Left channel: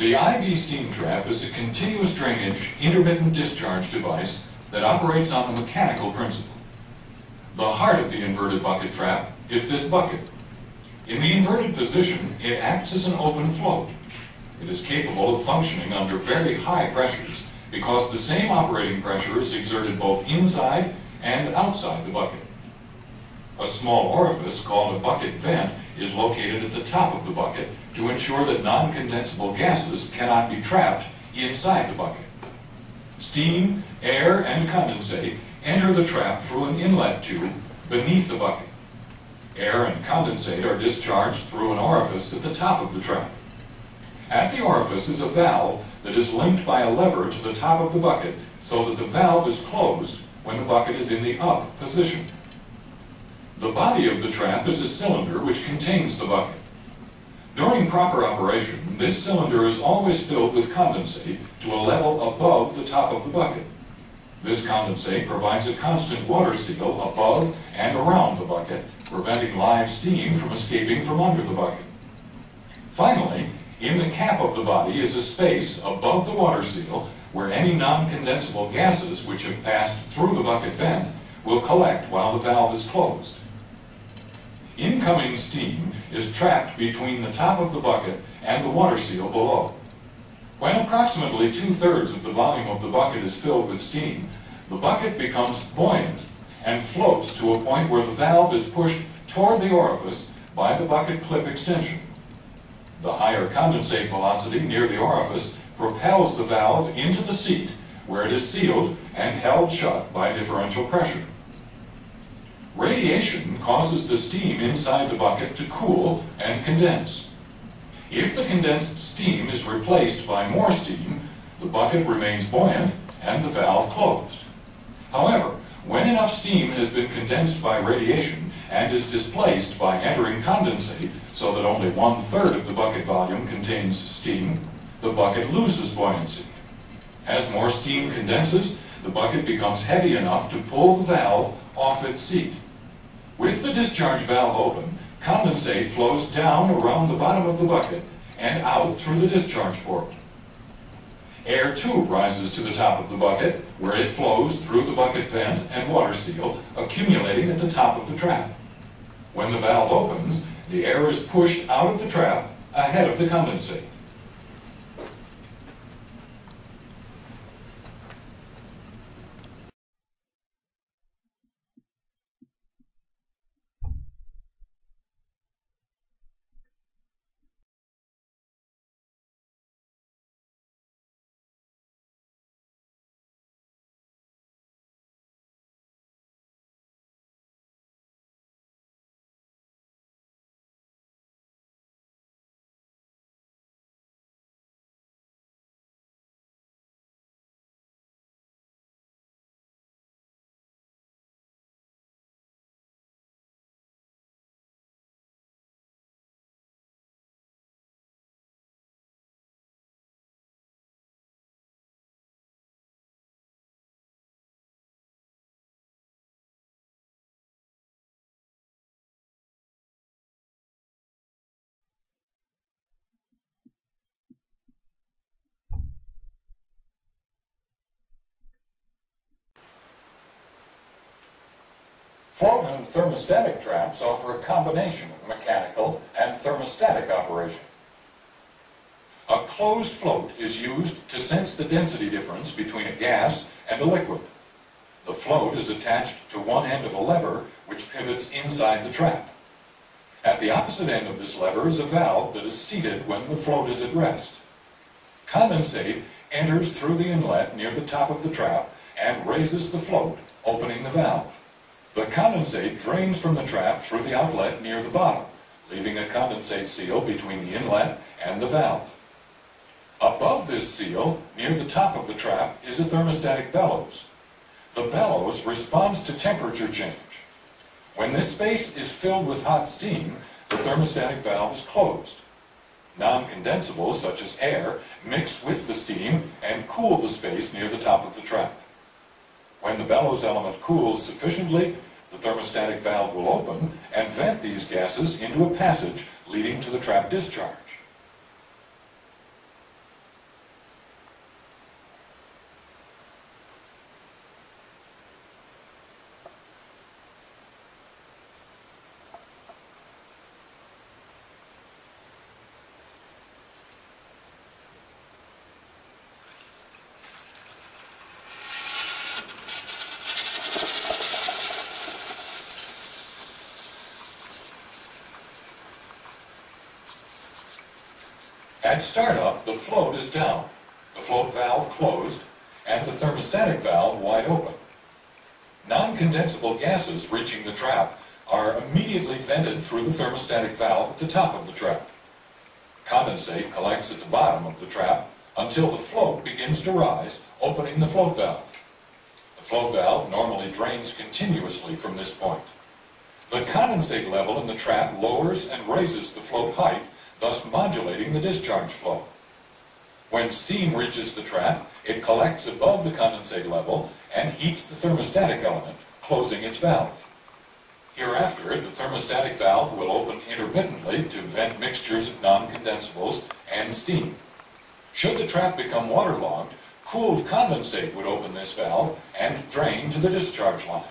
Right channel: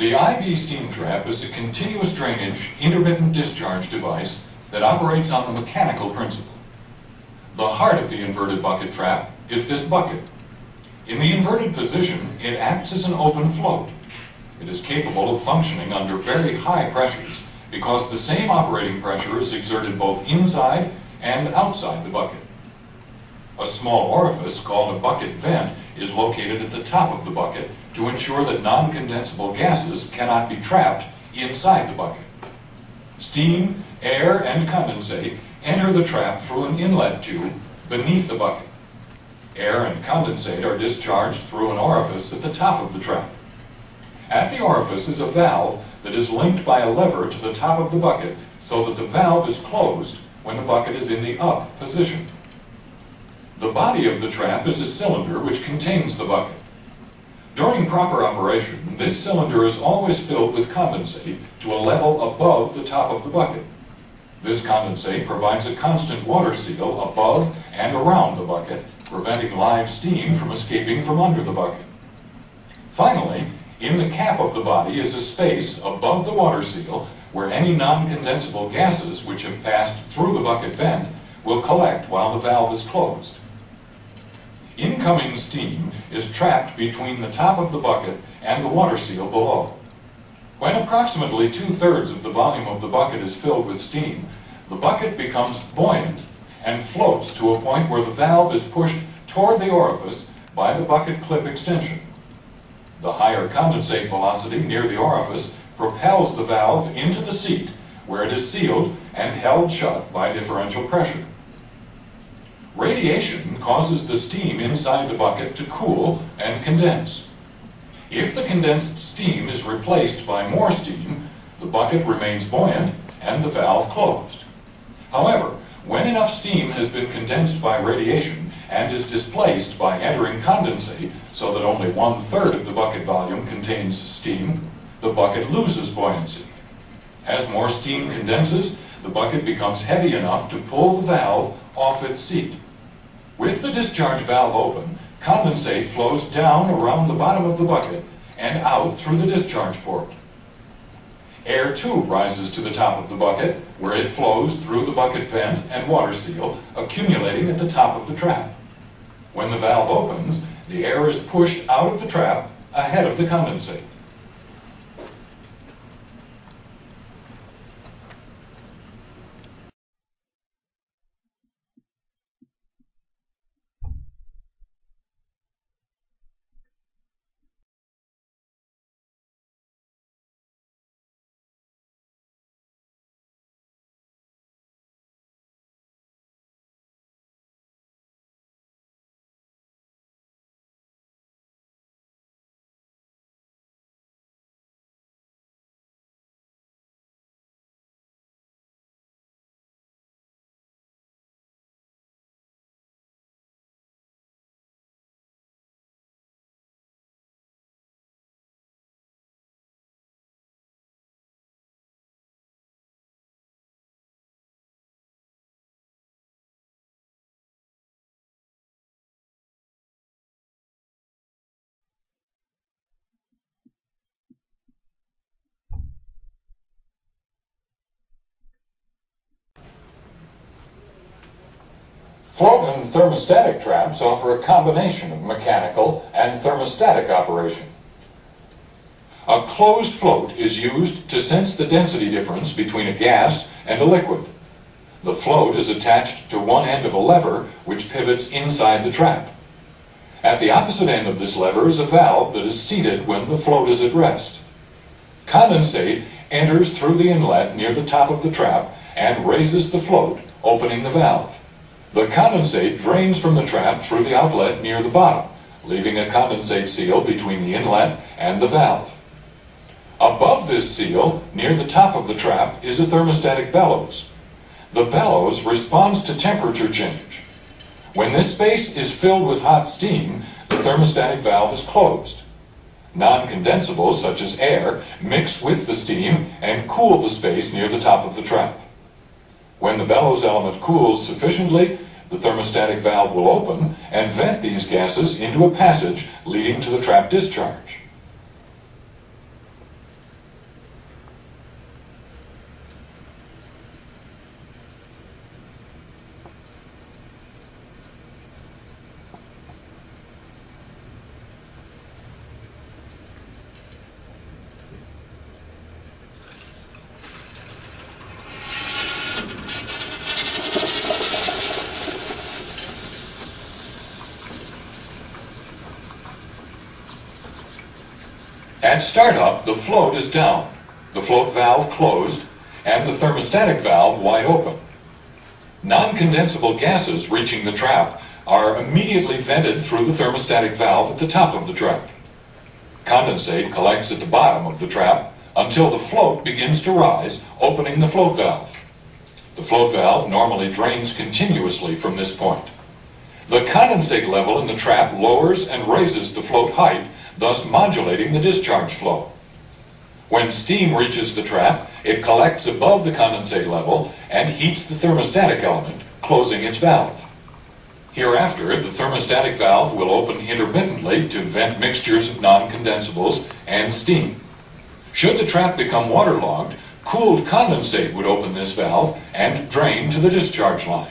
The IB steam trap is a continuous drainage, intermittent discharge device that operates on the mechanical principle. The heart of the inverted bucket trap is this bucket. In the inverted position, it acts as an open float. It is capable of functioning under very high pressures because the same operating pressure is exerted both inside and outside the bucket. A small orifice called a bucket vent is located at the top of the bucket to ensure that non-condensable gases cannot be trapped inside the bucket. Steam, air, and condensate enter the trap through an inlet tube beneath the bucket. Air and condensate are discharged through an orifice at the top of the trap. At the orifice is a valve that is linked by a lever to the top of the bucket so that the valve is closed when the bucket is in the up position. The body of the trap is a cylinder which contains the bucket. During proper operation, this cylinder is always filled with condensate to a level above the top of the bucket. This condensate provides a constant water seal above and around the bucket, preventing live steam from escaping from under the bucket. Finally, in the cap of the body is a space above the water seal where any non-condensable gases which have passed through the bucket vent will collect while the valve is closed. Incoming steam is trapped between the top of the bucket and the water seal below. When approximately 2/3 of the volume of the bucket is filled with steam, the bucket becomes buoyant and floats to a point where the valve is pushed toward the orifice by the bucket clip extension. The higher condensate velocity near the orifice propels the valve into the seat, where it is sealed and held shut by differential pressure. Radiation causes the steam inside the bucket to cool and condense. If the condensed steam is replaced by more steam, the bucket remains buoyant and the valve closed. However, when enough steam has been condensed by radiation and is displaced by entering condensate so that only 1/3 of the bucket volume contains steam, the bucket loses buoyancy. As more steam condenses, the bucket becomes heavy enough to pull the valve off its seat. With the discharge valve open, condensate flows down around the bottom of the bucket and out through the discharge port. Air too rises to the top of the bucket, where it flows through the bucket vent and water seal, accumulating at the top of the trap. When the valve opens, the air is pushed out of the trap ahead of the condensate. Float and thermostatic traps offer a combination of mechanical and thermostatic operation. A closed float is used to sense the density difference between a gas and a liquid. The float is attached to one end of a lever which pivots inside the trap. At the opposite end of this lever is a valve that is seated when the float is at rest. Condensate enters through the inlet near the top of the trap and raises the float, opening the valve. The condensate drains from the trap through the outlet near the bottom, leaving a condensate seal between the inlet and the valve. Above this seal, near the top of the trap, is a thermostatic bellows. The bellows responds to temperature change. When this space is filled with hot steam, the thermostatic valve is closed. Non-condensables, such as air, mix with the steam and cool the space near the top of the trap. When the bellows element cools sufficiently, the thermostatic valve will open and vent these gases into a passage leading to the trap discharge. At startup, the float is down, the float valve closed, and the thermostatic valve wide open. Non-condensable gases reaching the trap are immediately vented through the thermostatic valve at the top of the trap. Condensate collects at the bottom of the trap until the float begins to rise, opening the float valve. The float valve normally drains continuously from this point. The condensate level in the trap lowers and raises the float height, thus modulating the discharge flow. When steam reaches the trap, it collects above the condensate level and heats the thermostatic element, closing its valve. Hereafter, the thermostatic valve will open intermittently to vent mixtures of non-condensables and steam. Should the trap become waterlogged, cooled condensate would open this valve and drain to the discharge line.